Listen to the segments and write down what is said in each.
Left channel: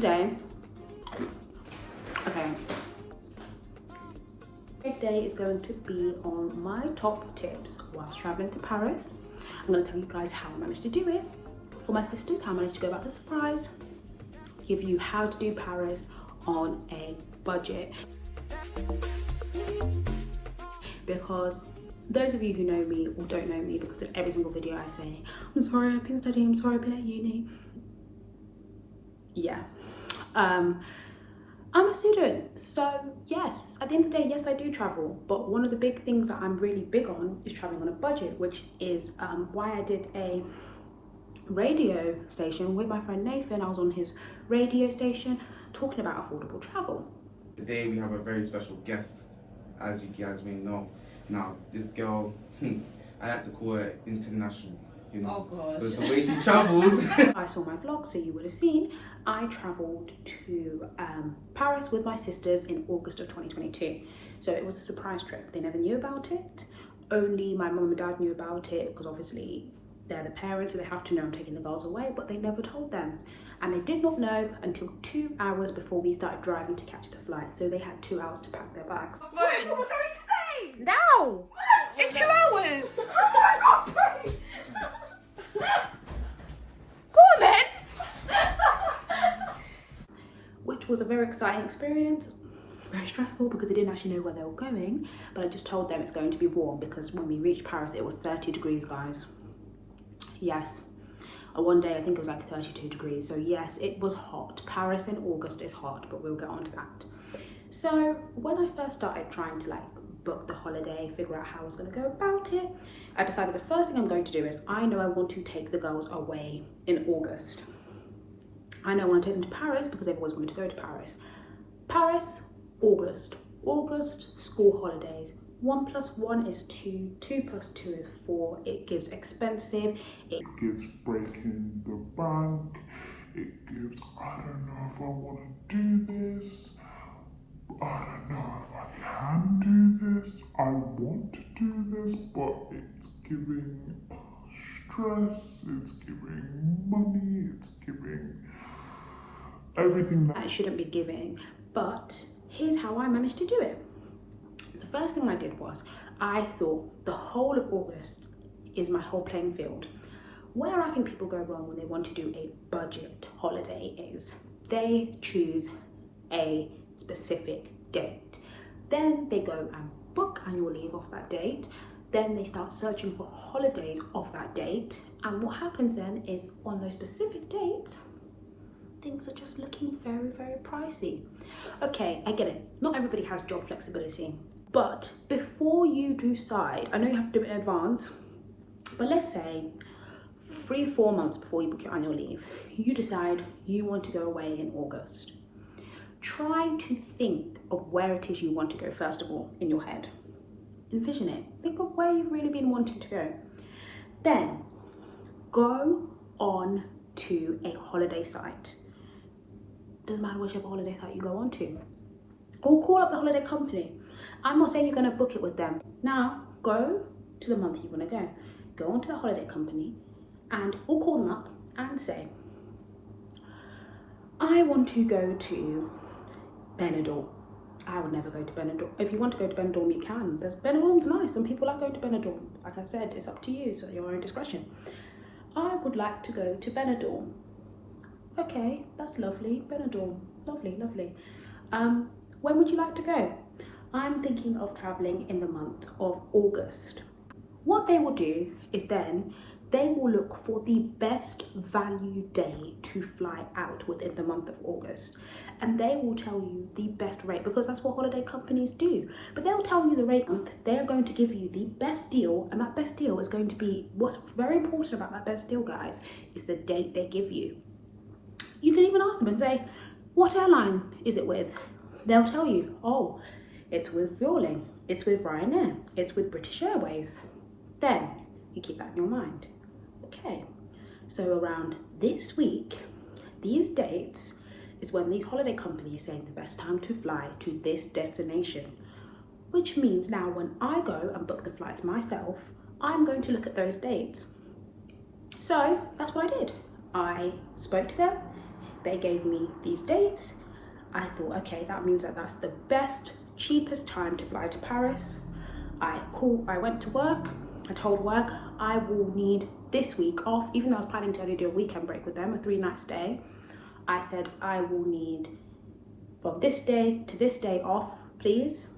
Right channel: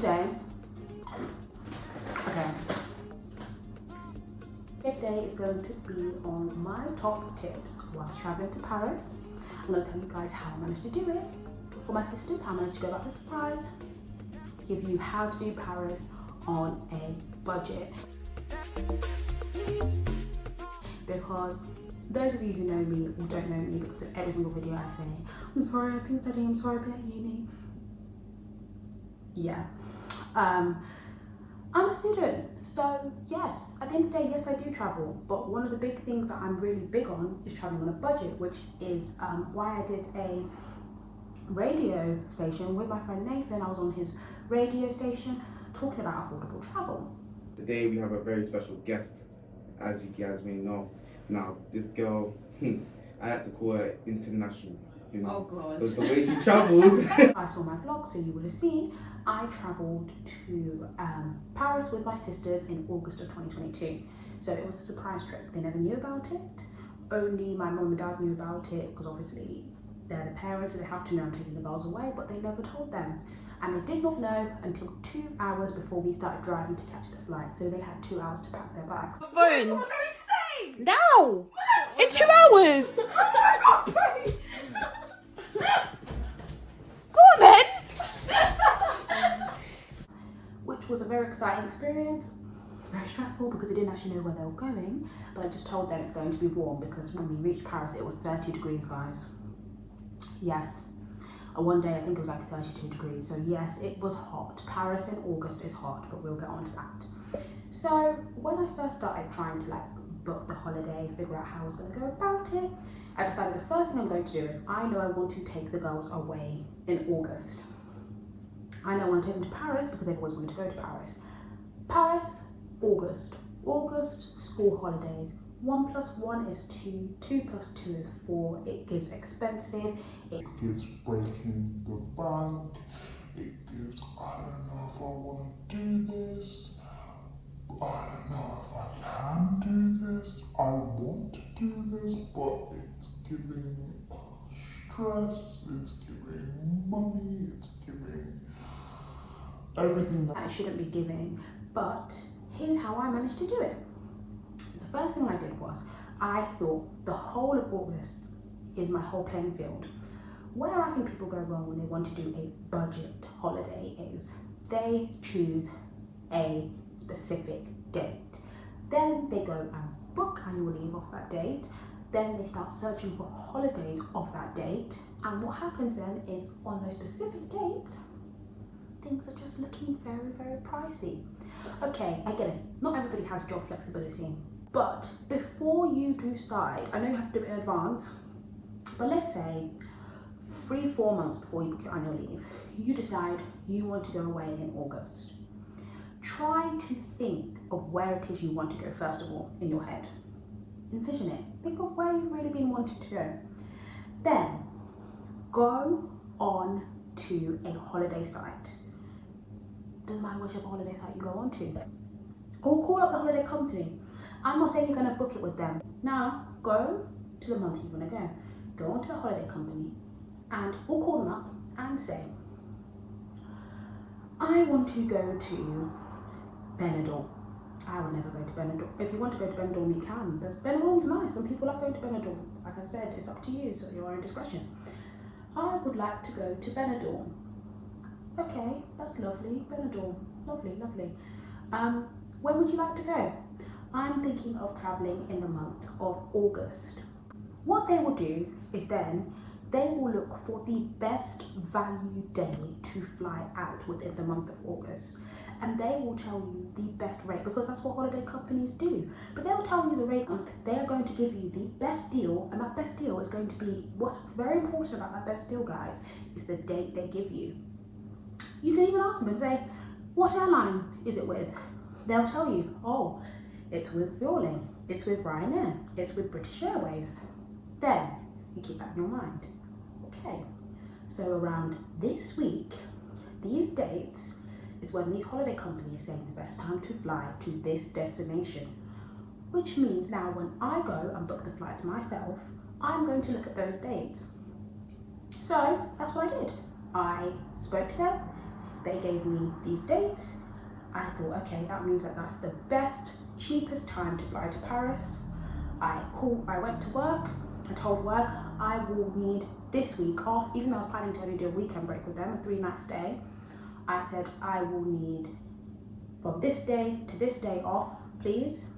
today, okay, today is going to be on my top tips whilst traveling to Paris. I'm going to tell you guys how I managed to do it for my sisters, how I managed to go about the surprise, give you how to do Paris on a budget. Because those of you who know me or don't know me, because of every single video I say, I'm sorry I've been studying, I'm sorry I've been at uni. Yeah, I'm a student, so yes, at the end of the day, yes, I do travel, but one of the big things that I'm really big on is traveling on a budget, which is why I did a radio station with my friend Nathan. I was on his radio station talking about affordable travel. Today we have a very special guest, as you guys may know. Now, this girl, I like to call her international, you know, because the way she travels. I saw my vlog, so you would have seen I travelled to Paris with my sisters in August of 2022. So it was a surprise trip. They never knew about it. Only my mum and dad knew about it, because obviously they're the parents, so they have to know I'm taking the girls away, but they never told them. And they did not know until 2 hours before we started driving to catch the flight. So they had 2 hours to pack their bags. Phones. Now! In 2 hours! Go on then! Which was a very exciting experience. Very stressful because I didn't actually know where they were going. But I just told them it's going to be warm, because when we reached Paris, it was 30 degrees, guys. Yes. One day I think it was like 32 degrees, so yes, it was hot. Paris in August is hot, but we'll get on to that. So when I first started trying to like book the holiday, figure out how I was going to go about it, I decided the first thing I'm going to do is, I know I want to take the girls away in August. I know I want to take them to Paris because they've always wanted to go to Paris. Paris, August, school holidays. 1 + 1 is 2, 2 + 2 is 4. It gives expensive. It gives breaking the bank. It gives, I don't know if I want to do this. I don't know if I can do this. I want to do this, but it's giving stress, it's giving money, it's giving everything that I shouldn't be giving. But here's how I managed to do it. The first thing I did was, I thought the whole of August is my whole playing field. Where I think people go wrong when they want to do a budget holiday is they choose a specific date. Then they go and book annual leave off that date. Then they start searching for holidays off that date. And what happens then is, on those specific dates, things are just looking very, very pricey. Okay, I get it. Not everybody has job flexibility. But before you decide, I know you have to do it in advance, but let's say 3-4 months before you book your annual leave, you decide you want to go away in August. Try to think of where it is you want to go first of all in your head. Envision it. Think of where you've really been wanting to go. Then go on to a holiday site. Doesn't matter whichever holiday site you go on to. Or call up the holiday company. I'm not saying you're going to book it with them. Now, go to the month you want to go. Go onto the holiday company or call them up and say, I want to go to Benidorm. I would never go to Benidorm. If you want to go to Benidorm, you can. Benidorm's nice. Some people like going to Benidorm. Like I said, it's up to you, so your own discretion. I would like to go to Benidorm. Okay, that's lovely. Benidorm. Lovely, lovely. When would you like to go? I'm thinking of traveling in the month of August. What they will do is then they will look for the best value day to fly out within the month of August. And they will tell you the best rate, because that's what holiday companies do. But they'll tell you the rate. They are going to give you the best deal, and that best deal is going to be, what's very important about that best deal, guys, is the date they give you. You can even ask them and say, what airline is it with? They'll tell you, oh, it's with Vueling, it's with Ryanair, it's with British Airways. Then you keep that in your mind. Okay, so around this week, these dates is when these holiday companies are saying the best time to fly to this destination. Which means now when I go and book the flights myself, I'm going to look at those dates. So that's what I did. I spoke to them, they gave me these dates. I thought, okay, that means that that's the best, cheapest time to fly to Paris. I went to work. I told work I will need this week off, even though I was planning to only do a weekend break with them, a 3-night stay. I said I will need from this day to this day off, please.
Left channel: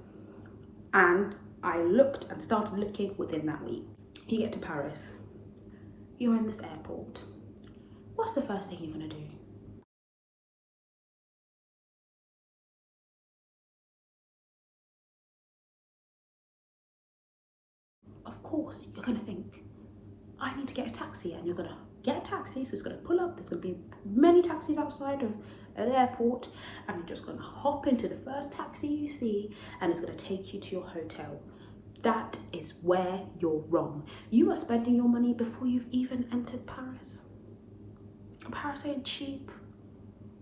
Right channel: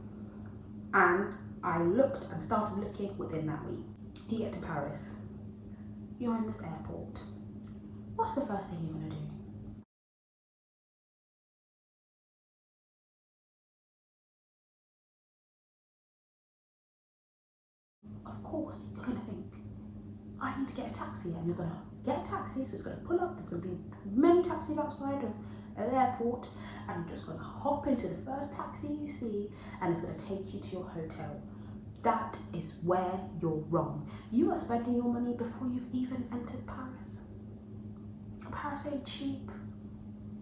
And I looked and started looking within that week. You get to Paris, you're in this airport. What's the first thing you're gonna do? Of course, you're gonna think, I need to get a taxi, and you're gonna get a taxi, so it's gonna pull up, there's gonna be many taxis outside of an airport, and you're just gonna hop into the first taxi you see, and it's gonna take you to your hotel. That is where you're wrong. You are spending your money before you've even entered Paris. Paris ain't cheap.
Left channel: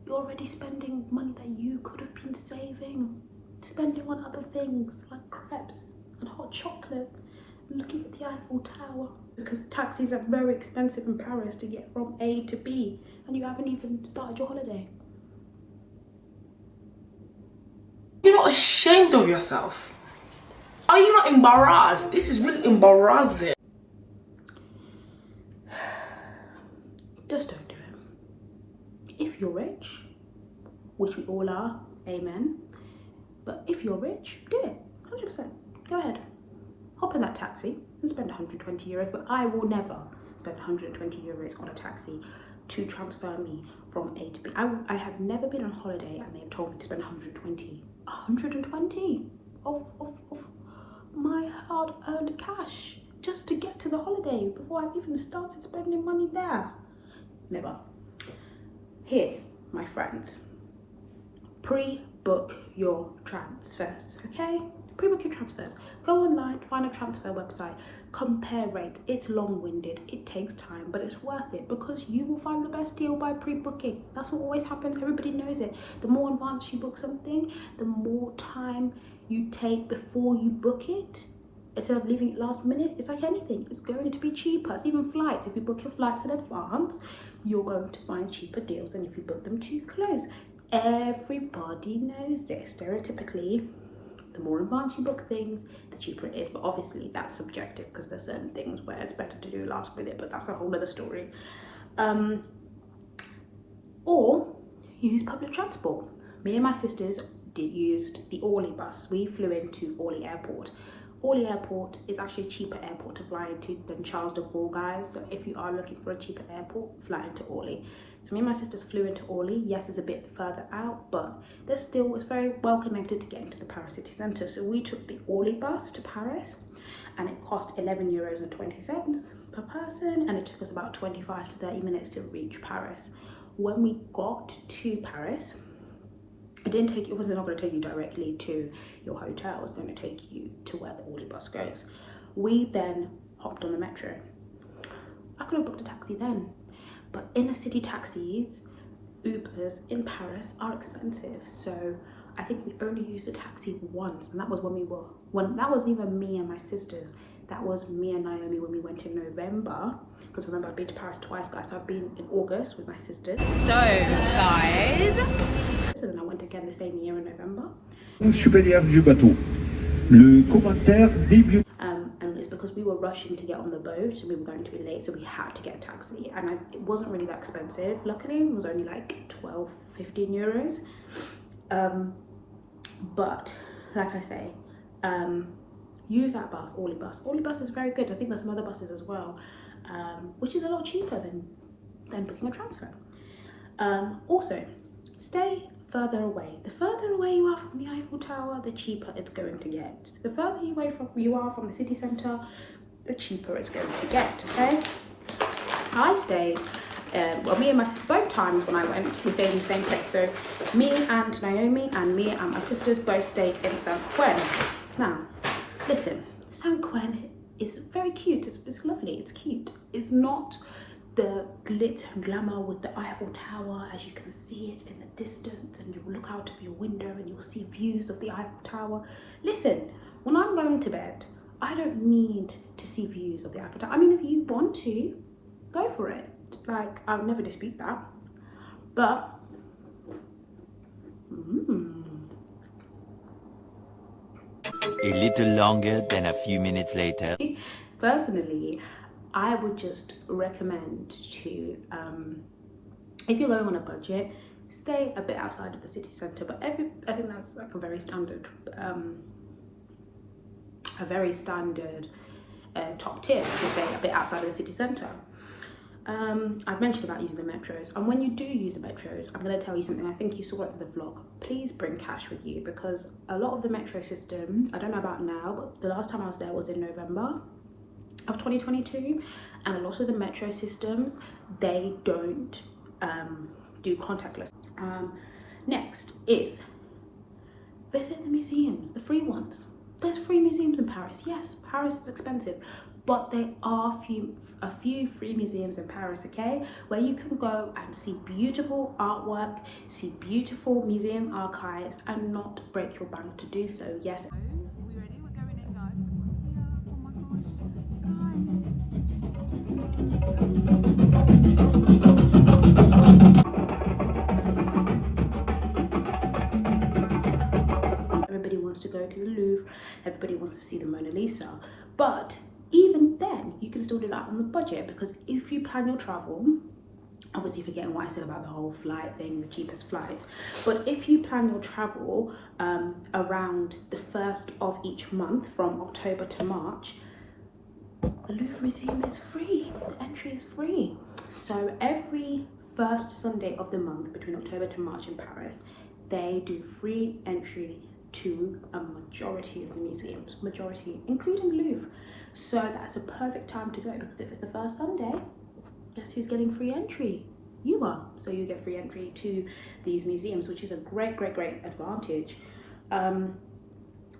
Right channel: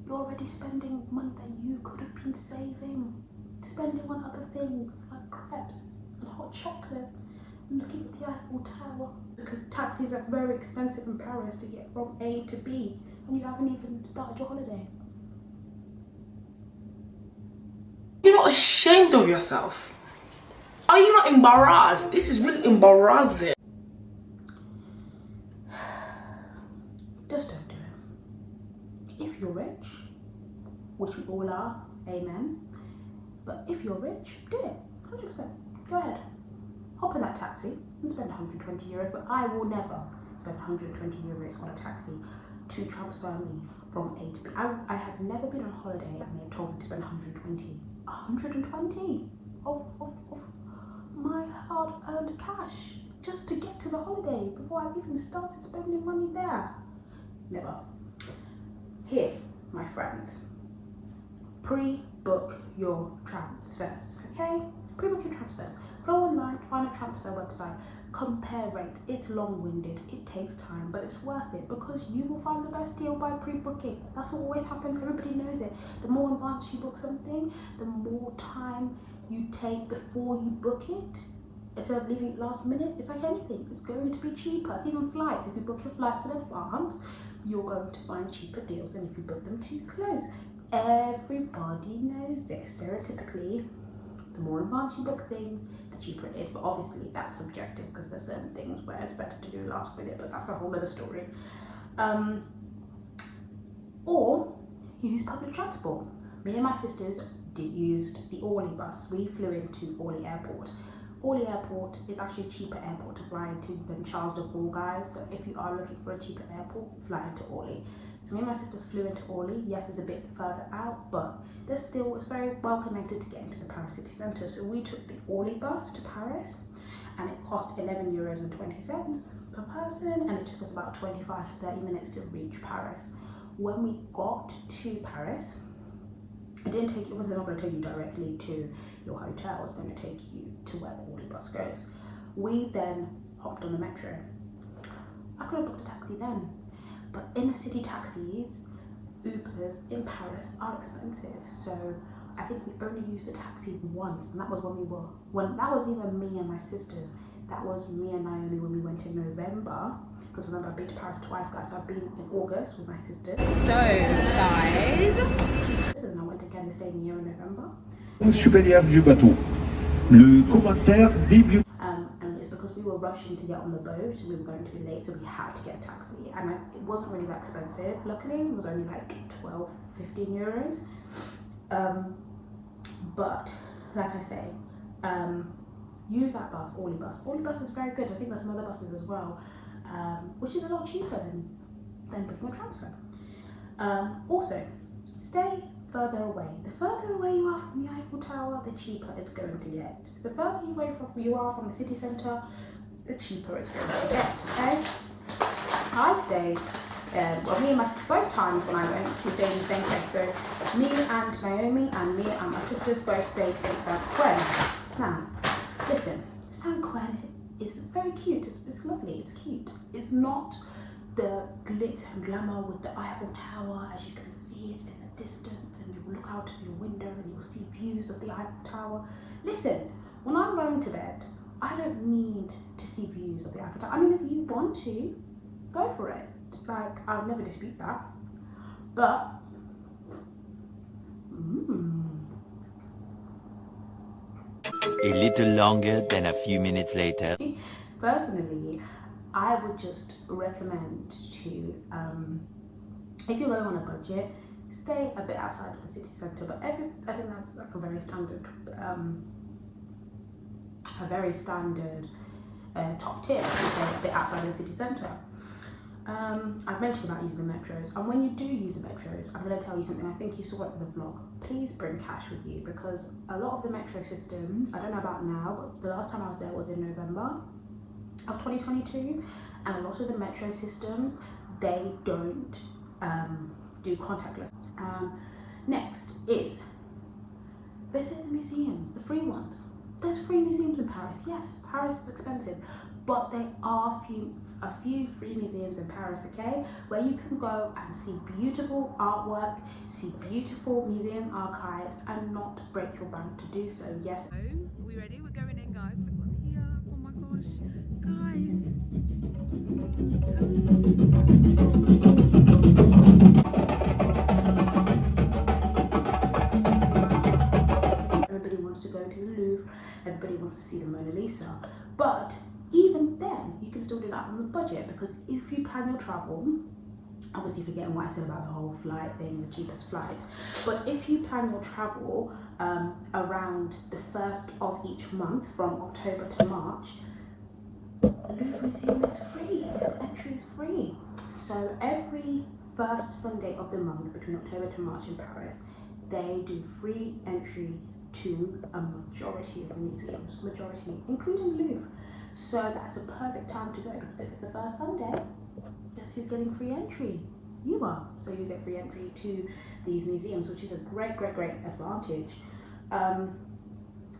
You're already spending money that you could have been saving, spending on other things like crepes and hot chocolate, looking at the Eiffel Tower, because taxis are very expensive in Paris to get from A to B, and you haven't even started your holiday. You're not ashamed of yourself? Are you not embarrassed? This is really embarrassing. Just don't do it. If you're rich, which we all are, amen. But if you're rich, do it, 100%. Go ahead. Hop in that taxi and spend 120 euros, but I will never spend 120 euros on a taxi to transfer me from A to B. I have never been on holiday and they have told me to spend 120 of my hard-earned cash just to get to the holiday before I've even started spending money there. Never. Here, my friends, pre-book your transfers, okay? Pre-book your transfers. Go online, find a transfer website, compare rates. It's long-winded, it takes time, but it's worth it because you will find the best deal by pre-booking. That's what always happens, everybody knows it. The more advanced you book something, the more time you take before you book it. Instead of leaving it last minute, it's like anything, it's going to be cheaper. It's even flights. If you book your flights in advance, you're going to find cheaper deals than if you book them too close. Everybody knows this. Stereotypically, the more advanced you book things, the cheaper it is. But obviously that's subjective because there's certain things where it's better to do last minute, but that's a whole other story. Or use public transport. Me and my sisters used the Orly bus. We flew into Orly Airport. Orly Airport is actually a cheaper airport to fly into than Charles de Gaulle, guys. So if you are looking for a cheaper airport, fly into Orly. So me and my sisters flew into Orly. Yes, it's a bit further out, but there's still, it's very well connected to getting to the Paris city centre. So we took the Orly bus to Paris and it cost 11 euros and 20 cents per person. And it took us about 25 to 30 minutes to reach Paris. When we got to Paris, it was not going to take you directly to your hotel. It was going to take you to where the Orly bus goes. We then hopped on the metro. I could have booked a taxi then, but inner city taxis, Ubers in Paris are expensive. So I think we only used a taxi once, and that was that was even me and my sisters. That was me and Naomi when we went in November. Because remember, I've been to Paris twice, guys. So I've been in August with my sisters. So, guys. And then I went again the same year in November. Supérieur du bateau. Le commentaire début. And it's because we were rushing to get on the boat and we were going to be late, so we had to get a taxi. And it wasn't really that expensive. Luckily, it was only like 12, 15 euros. But like I say, use that bus, Orly bus. Orly bus is very good. I think there's some other buses as well, which is a lot cheaper than booking a transfer. Also, stay further away. The further away you are from the Eiffel Tower, the cheaper it's going to get. The further you are from the city centre, the cheaper it's going to get, okay? I stayed, me and my sisters, both times when I went, we stayed in the same place. So me and Naomi and me and my sisters both stayed in Saint-Quentin. Now, listen, Saint-Quentin is very cute. It's lovely, it's cute. It's not the glitz and glamour with the Eiffel Tower as you can see it in the distance, and you'll look out of your window and you'll see views of the Eiffel Tower. Listen, when I'm going to bed, I don't need to see views of the Eiffel Tower. I mean, if you want to, go for it. Like, I'll never dispute that. But A little longer than a few minutes later. Personally, I would just recommend to, if you're going on a budget, stay a bit outside of the city centre. But I think that's like a very standard top tip to stay a bit outside of the city centre. I've mentioned about using the metros, and when you do use the metros, I'm going to tell you something. I think you saw it in the vlog. Please bring cash with you, because a lot of the metro systems, I don't know about now, but the last time I was there was in November of 2022, and a lot of the metro systems, they don't do contactless. Next is visit the museums, the free ones. There's free museums in Paris. Yes, Paris is expensive, but there are a few free museums in Paris, okay, where you can go and see beautiful artwork, see beautiful museum archives, and not break your bank to do so. Yes. So, are we ready? We're going in, guys. Look what's here. Oh my gosh, guys. Everybody wants to go to the Louvre. Everybody wants to see the Mona Lisa, but even then, you can still do that on the budget, because if you plan your travel, obviously forgetting what I said about the whole flight thing, the cheapest flights, but if you plan your travel around the 1st of each month from October to March, the Louvre Museum is free, the entry is free. So every first Sunday of the month between October to March in Paris, they do free entry to a majority of the museums, including Louvre. So that's a perfect time to go, because if it's the first Sunday, guess who's getting free entry? You are. So you get free entry to these museums, which is a great advantage.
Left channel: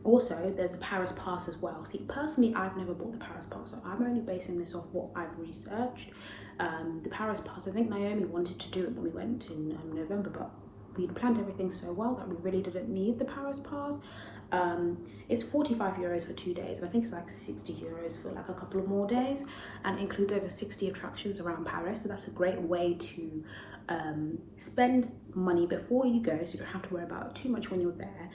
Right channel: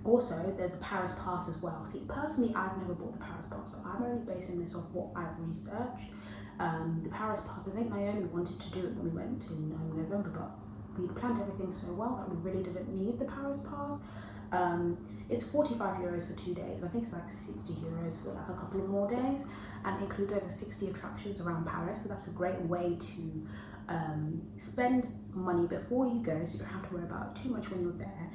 Also, there's the Paris Pass as well. See, personally, I've never bought the Paris Pass, so I'm only basing this off what I've researched. The Paris Pass, I think Naomi wanted to do it when we went in November, but we planned everything so well that we really didn't need the Paris Pass. It's 45 euros for 2 days, and I think it's like 60 euros for like a couple of more days, and it includes over 60 attractions around Paris. So that's a great way to spend money before you go, so you don't have to worry about it too much when you're there,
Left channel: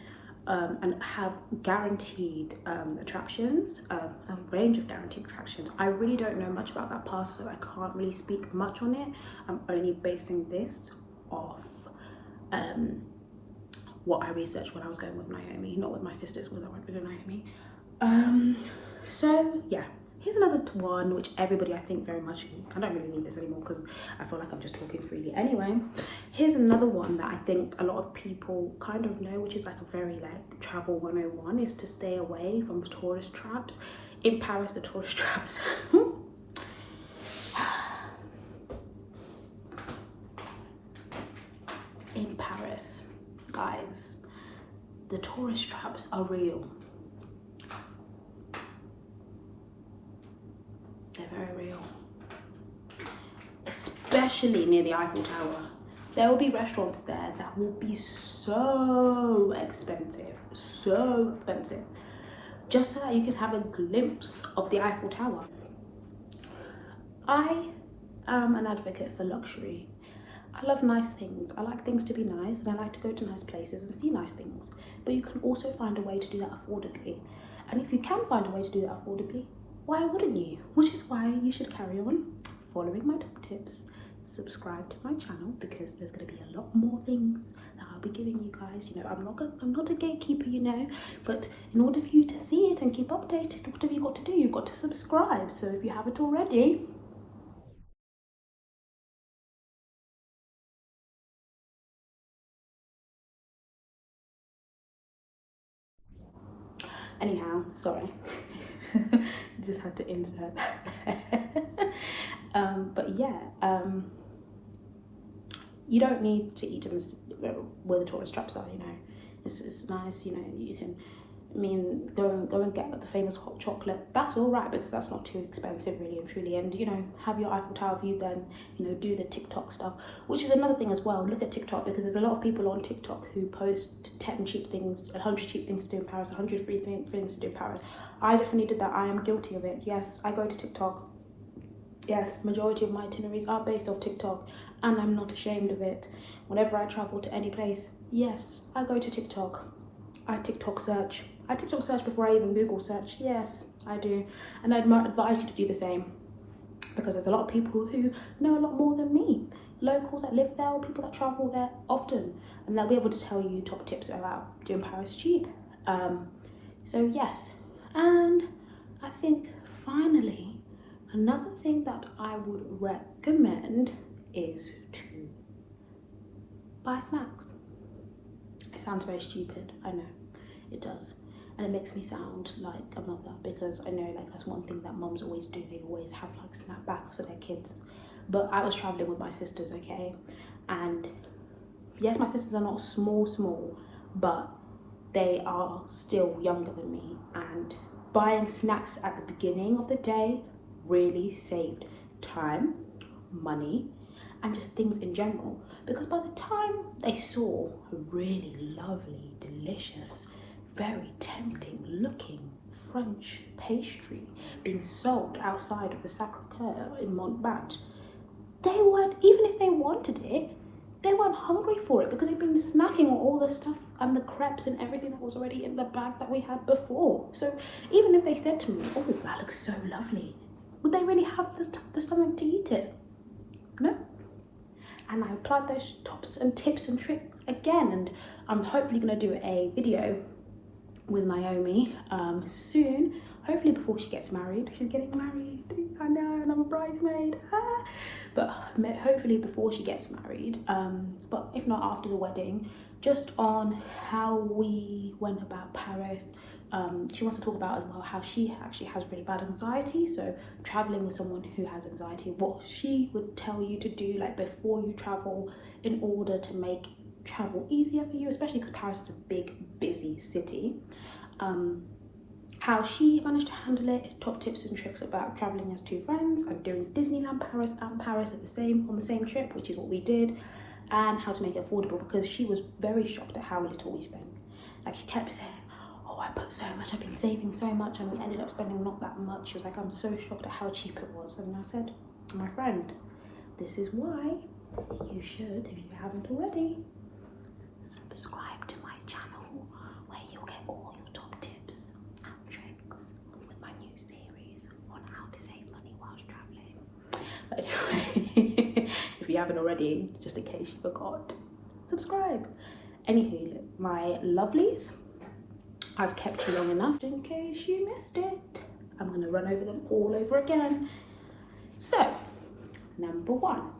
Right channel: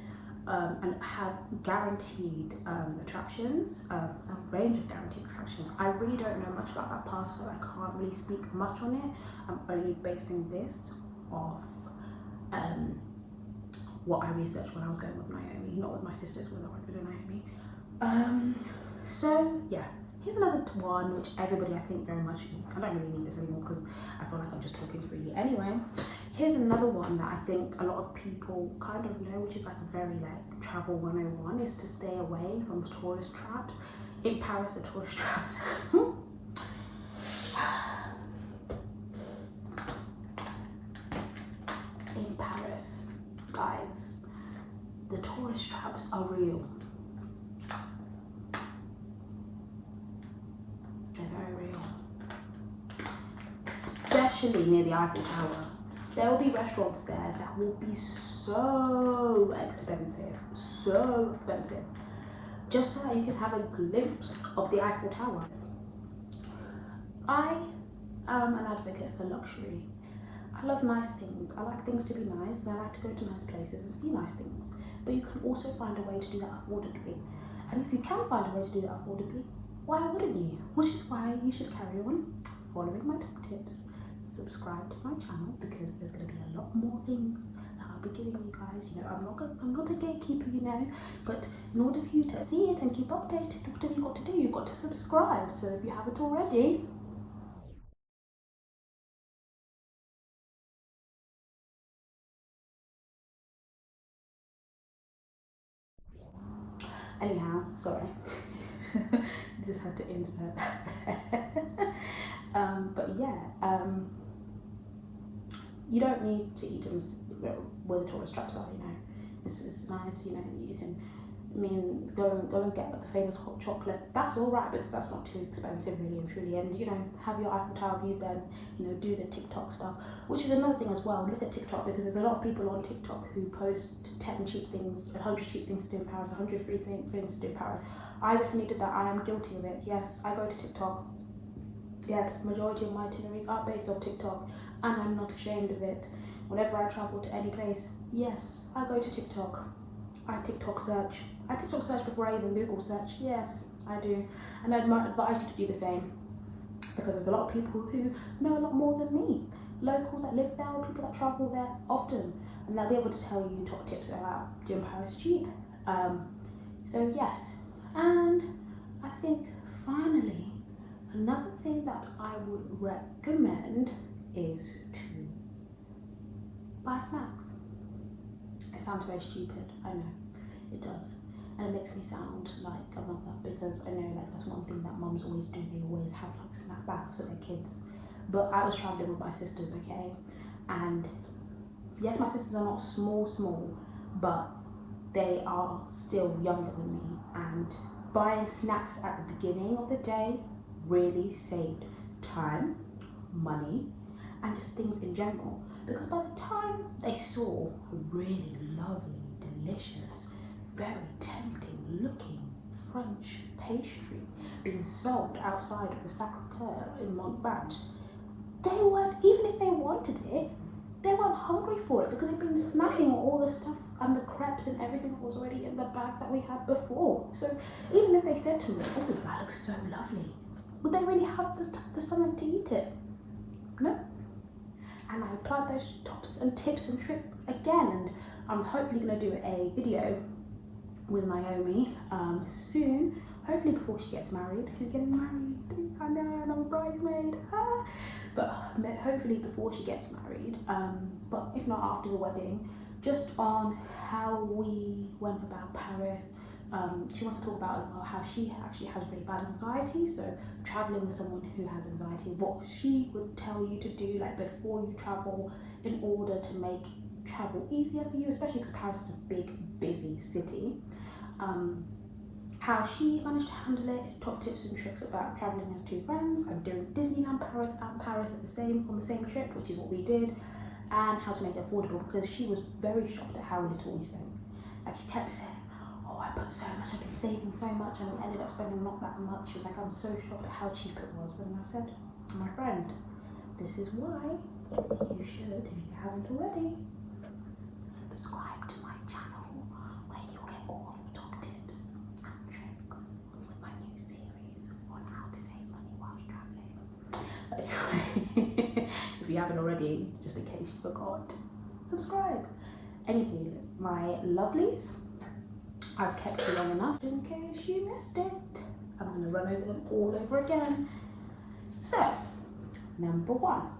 and have guaranteed attractions, a range of guaranteed attractions. I really don't know much about that pass, so I can't really speak much on it. I'm only basing this off what I researched when I was going with Naomi, not with my sisters, when I went with Naomi. So yeah, here's another one which everybody, I think, very much, I don't really need this anymore because I feel like I'm just talking freely anyway. Here's another one that I think a lot of people kind of know, which is like a very like travel 101, is to stay away from tourist traps. In Paris, the tourist traps in Paris, guys, the tourist traps are real. They're very real, especially near the Eiffel Tower. There will be restaurants there that will be so expensive, just so that you can have a glimpse of the Eiffel Tower. I am an advocate for luxury. I love nice things. I like things to be nice, and I like to go to nice places and see nice things. But you can also find a way to do that affordably. And if you can find a way to do that affordably, why wouldn't you? Which is why you should carry on following my top tips. Subscribe to my channel, because there's going to be a lot more things that I'll be giving you guys. You know, I'm not a gatekeeper, you know, but in order for you to see it and keep updated, what have you got to do? You've got to subscribe. So if you haven't already, anyhow, sorry, just had to insert that there. But yeah, you don't need to eat in where the tourist traps are, you know. It's nice, you know, you can, I mean, go and get the famous hot chocolate. That's all right, because that's not too expensive, really and truly. And, you know, have your Eiffel Tower views, then, you know, do the TikTok stuff, which is another thing as well. Look at TikTok, because there's a lot of people on TikTok who post 10 cheap things, 100 cheap things to do in Paris, 100 free things to do in Paris. I definitely did that. I am guilty of it. Yes, I go to TikTok. Yes, majority of my itineraries are based off TikTok, and I'm not ashamed of it. Whenever I travel to any place, yes, I go to TikTok. I TikTok search. I TikTok search before I even Google search. Yes, I do. And I'd advise you to do the same, because there's a lot of people who know a lot more than me. Locals that live there or people that travel there often. And they'll be able to tell you top tips about doing Paris cheap. So yes. And I think finally, another thing that I would recommend is to buy snacks. It sounds very stupid, I know, it does. And it makes me sound like a mother, because I know like that's one thing that mums always do. They always have like snack bags for their kids. But I was traveling with my sisters, okay? And yes, my sisters are not small, but they are still younger than me. And buying snacks at the beginning of the day really saved time, money, and just things in general. Because by the time they saw a really lovely, delicious, very tempting looking French pastry being sold outside of the Sacré-Cœur in Montbard, they weren't, even if they wanted it, they weren't hungry for it, because they'd been snacking on all the stuff and the crepes and everything that was already in the bag that we had before. So even if they said to me, oh, that looks so lovely, would they really have the stomach to eat it? No. And I applied those tops and tips and tricks again, and I'm hopefully going to do a video with Naomi soon, hopefully before she gets married. She's getting married, I know, and I'm a bridesmaid, but hopefully before she gets married, but if not after the wedding, just on how we went about Paris. She wants to talk about as well how she actually has really bad anxiety, so traveling with someone who has anxiety, what she would tell you to do like before you travel in order to make travel easier for you, especially because Paris is a big, busy city. How she managed to handle it, top tips and tricks about traveling as two friends and doing Disneyland Paris and Paris on the same trip, which is what we did, and how to make it affordable, because she was very shocked at how little we spent. Like, she kept saying, oh, I put so much, I've been saving so much, and we ended up spending not that much. She was like, I'm so shocked at how cheap it was. And I said, my friend, this is why you should, if you haven't already, subscribe to my channel, where you'll get all your top tips and tricks with my new series on how to save money whilst traveling. Anyway, if you haven't already, just in case you forgot, subscribe. Anywho, my lovelies, I've kept you long enough in case you missed it. I'm going to run over them all over again. So, number 1.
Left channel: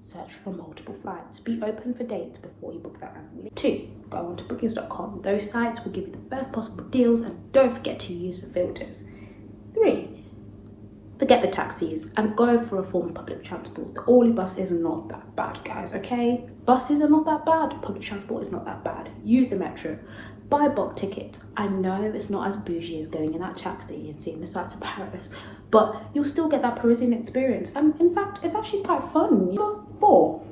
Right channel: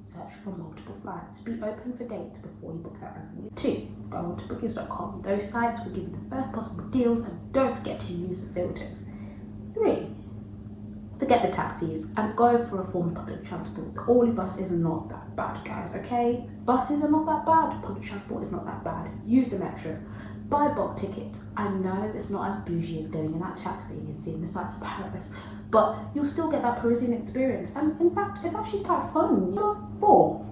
Search for multiple flights. Be open for dates before you book that randomly. 2. Go on to bookings.com. Those sites will give you the best possible deals, and don't forget to use the filters. 3. Forget the taxis and go for a form of public transport. The Orly bus is not that bad, guys, okay? Buses are not that bad. Public transport is not that bad. Use the metro. Buy bulk tickets. I know it's not as bougie as going in that taxi and seeing the sights of Paris, but you'll still get that Parisian experience. And in fact, it's actually quite fun. 4.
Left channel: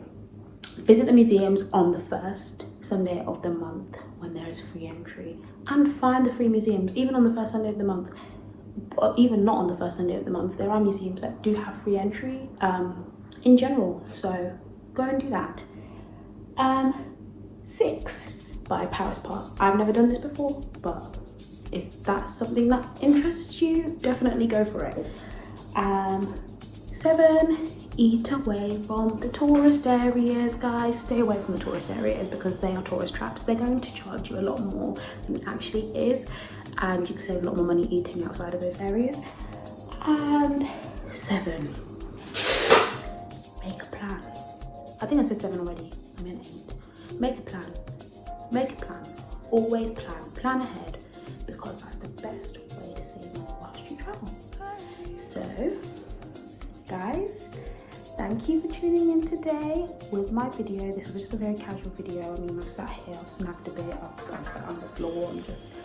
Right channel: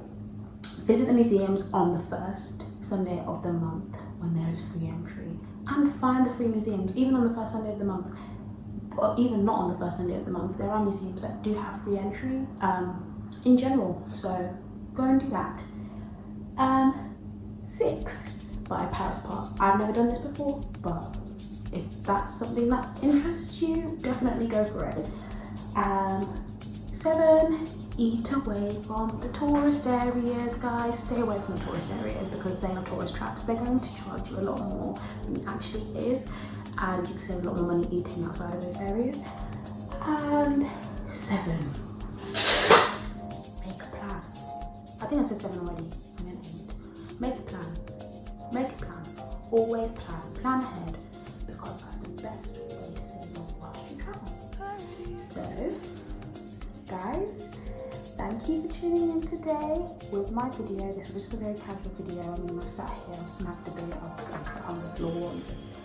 Visit the museums on the first Sunday of the month when there is free entry, and find the free museums. Even on the first Sunday of the month, or even not on the first Sunday of the month, there are museums that do have free entry in general, so go and do that. 6. Buy a Paris pass. I've never done this before, but if that's something that interests you, definitely go for it. 7. Eat away from the tourist areas, guys. Stay away from the tourist areas, because they are tourist traps. They're going to charge you a lot more than it actually is, and you can save a lot more money eating outside of those areas. And 7. Make a plan. I think I said 7 already. I meant 8. Make a plan. Make a plan. Always plan. Plan ahead, because that's the best way to save money whilst you travel. So, guys, thank you for tuning in today with my video. This was just a very casual video. I mean, I've sat here, I've snagged a bit, I've sat on the floor and just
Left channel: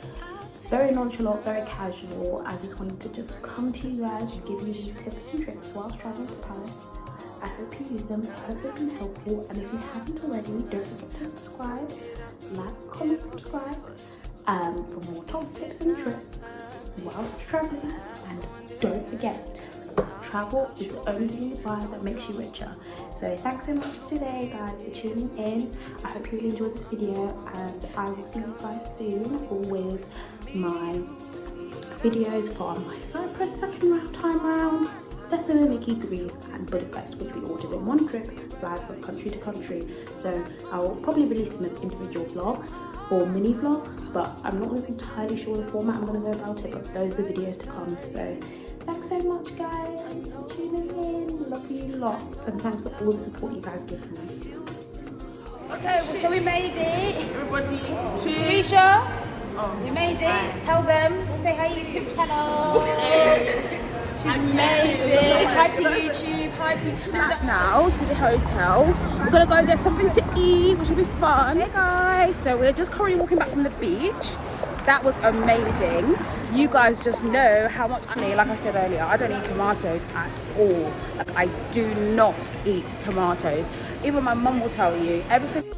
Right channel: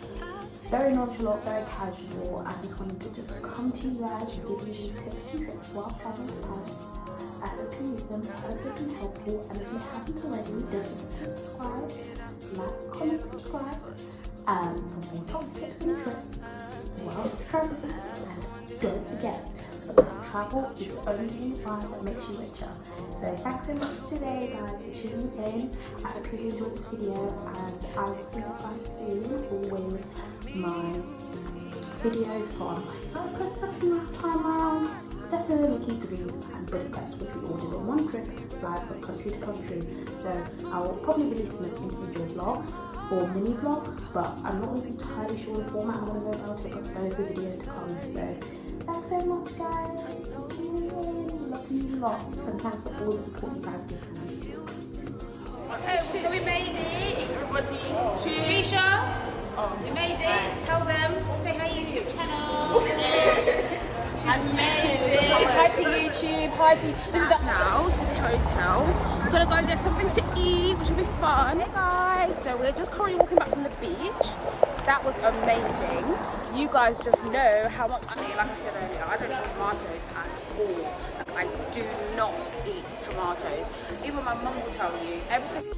very nonchalant, very casual. I just wanted to just come to you guys and give you these tips and tricks whilst traveling to Paris. I hope you use them, I hope they can help you, and if you haven't already, don't forget to subscribe, like, comment, subscribe, for more top tips and tricks whilst traveling. And don't forget, travel is the only thing you buy that makes you richer. So thanks so much today, guys, for tuning in. I hope you enjoyed this video, and I will see you guys soon with my videos on my Cyprus time round, Thessaloniki, Greece and Budapest, which we all did in one trip, fly from country to country. So I'll probably release them as individual vlogs or mini vlogs, but I'm not really entirely sure the format I'm going to go about it, but those are the videos to come. So thanks so much guys for tuning in, love you lots, and thanks for all the support you guys give me. Okay, well, so we made it. Everybody, Risha, we made it. Tell them, say hi YouTube channel. She's made it. Hi to YouTube. Hi to back now to the hotel. We're gonna go get something to eat, which will be fun. Hey guys, so we're just currently walking back from the beach. That was amazing. You guys just know how much I need. Like I said earlier, I don't eat tomatoes at all. Like, I do not eat tomatoes. Even my mum will tell you everything.